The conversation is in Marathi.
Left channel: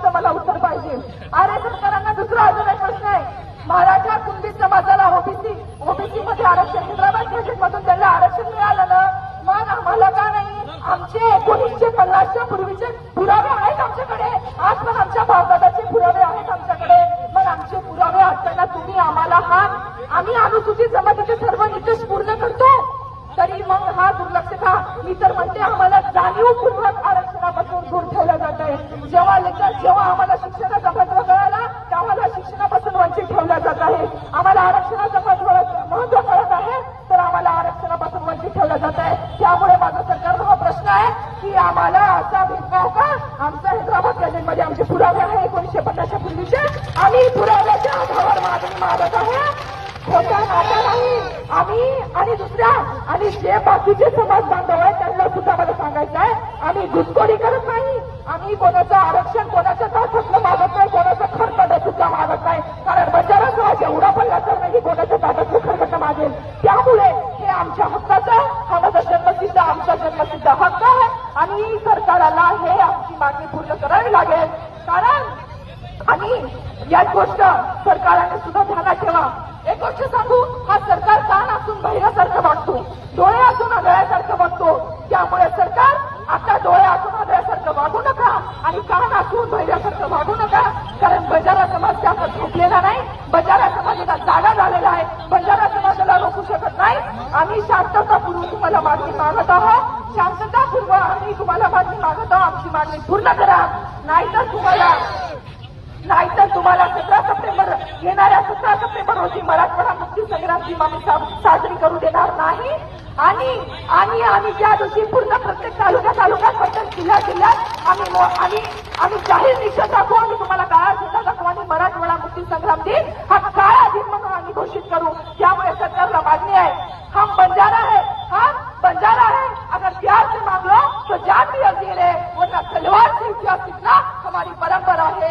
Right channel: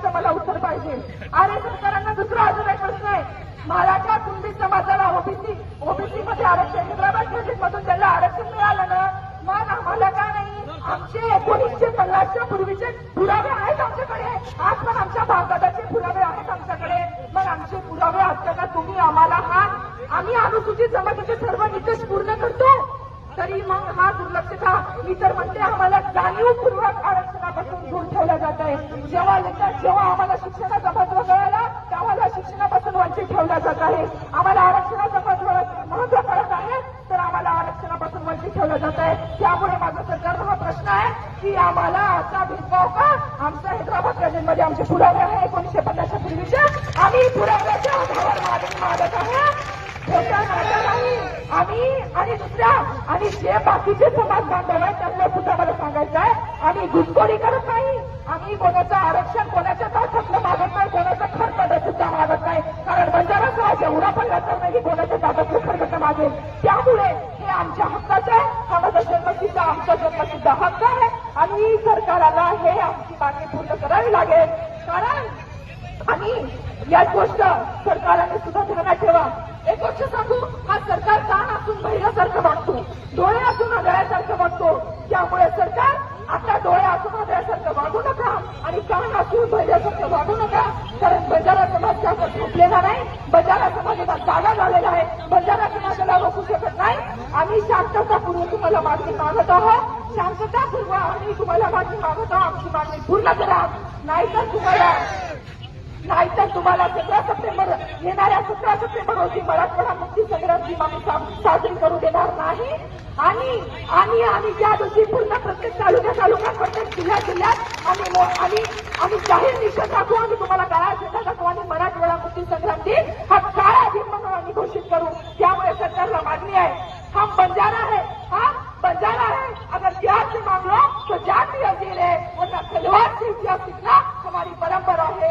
प्रश्नाचं मला उत्तर पाहिजे. अरे सरकारांना दुसरा अजून एक प्रश्न आहे. मराठा कुणबी समाजाला ओबीसी मध्ये आरक्षण, हैदराबाद प्रोजेक्टमधून त्यांना आरक्षण मिळालं ना, मग आम्हाला का नाही? आमचे 1950च्या पूर्वीचे पुरावे आहेत आमच्याकडे. आज पण आमच्या भावदादाचे पुरावे आहेत आमच्याकडे. मग आमचे पुरावे असताना तुम्ही आम्हाला आम्ही अनुसूचित जमातीचे सर्व निकष पूर्ण करतो तरी मग हा दुर्लक्ष का? मी तर म्हणते आम्हाला जाणीवपूर्वक आरक्षणापासून दूर ठेवलं जात आहे. जेव्हा आम्हाला शिक्षणाचा महत्व कळाला तर आम्हाला शिक्षणापासून वंचित ठेवलं जात आहे. आम्हाला आरक्षणाचं महत्व कळत आहे तर आम्हाला आरक्षणापासून वंचित ठेवलं जात आहे. त्यामुळे माझा सरकारला हा प्रश्न आहे की आम्हाला असा भेदभाव का? आमच्या हैदराबाद प्रोजेक्टमध्ये आमचे पुरावे आहे 1950च्या पूर्वीचे. आम्ही पुराव्याच्या आधारावर मागणी मागत आहे. खोटा नाता नाही. आम्ही आणि दुसऱ्या आणि जे बाकीचे समाज बांधव आहेत त्यांना सुद्धा मला सांगायचं आहे, आम्ही घुसखोरी करत नाही. आम्ही कोणाचं आरक्षण कोणाच्या ताटातलं मागत नाही, कोणाचं खरकट सुद्धा मागत नाही. कारण बंजारा समाज एवढा पण लक्षात नाही की कोणाच्या ताटातलं खरकट मागेल. त्यामुळे हे आमच्या हक्काचं आहे. हा माझा जन्मसिद्ध आमचा जन्मसिद्ध हक्क आहे आणि सरकारला हे आमची मागणी पूर्ण करावी लागेल. कारण आणि याच गोष्ट सरकारने सुद्धा ध्यानात ठेवा. एक गोष्ट सांगू, हा सरकार कान असून बहिऱ्यासारखं वागतो, डोळे असून आंधळ्यासारखं वागतो. त्यामुळे सरकार आता डोळे असून आंधळ्यासारखं वागू नका आणि कान असून बहिऱ्यासारखं वागू नका. कारण बंजारा समाज त्यावर झोपलेला नाही. बंजारा समाजाला जागा झालेला आहे. बंजारा समाजाला रोखू शकत नाही. आम्ही शांततापूर्वक तुम्हाला मागणी मागत आहोत. शांततापूर्वक आम्ही तुम्हाला मागणी मागत आहोत. आमची मागणी पूर्ण करा. नाहीतर तुम्हाला 17 सप्टेंबर येणाऱ्या 17 सप्टेंबर रोजी मराठवाडा मुक्ती संग्रामची आम्ही साजरी करू देणार नाही. आणि ज्या दिवशी पूर्ण प्रत्येक तालुक्यात प्रत्येक जिल्ह्यात आम्ही जाहीर निषेध दाखवू. आम्ही तुम्हाला काळा झेंडा दाखवू आणि मराठवाडा मुक्ती संग्राम दिन हा काळा दिन म्हणून आम्ही घोषित करू. त्यामुळे सरकारला मागणी आहे, हम बंजारा है, अगर प्यार से मांग लो तो जान भी अजीर है, वरना तलवार से इतिहास सीखना हमारी परंपरा है.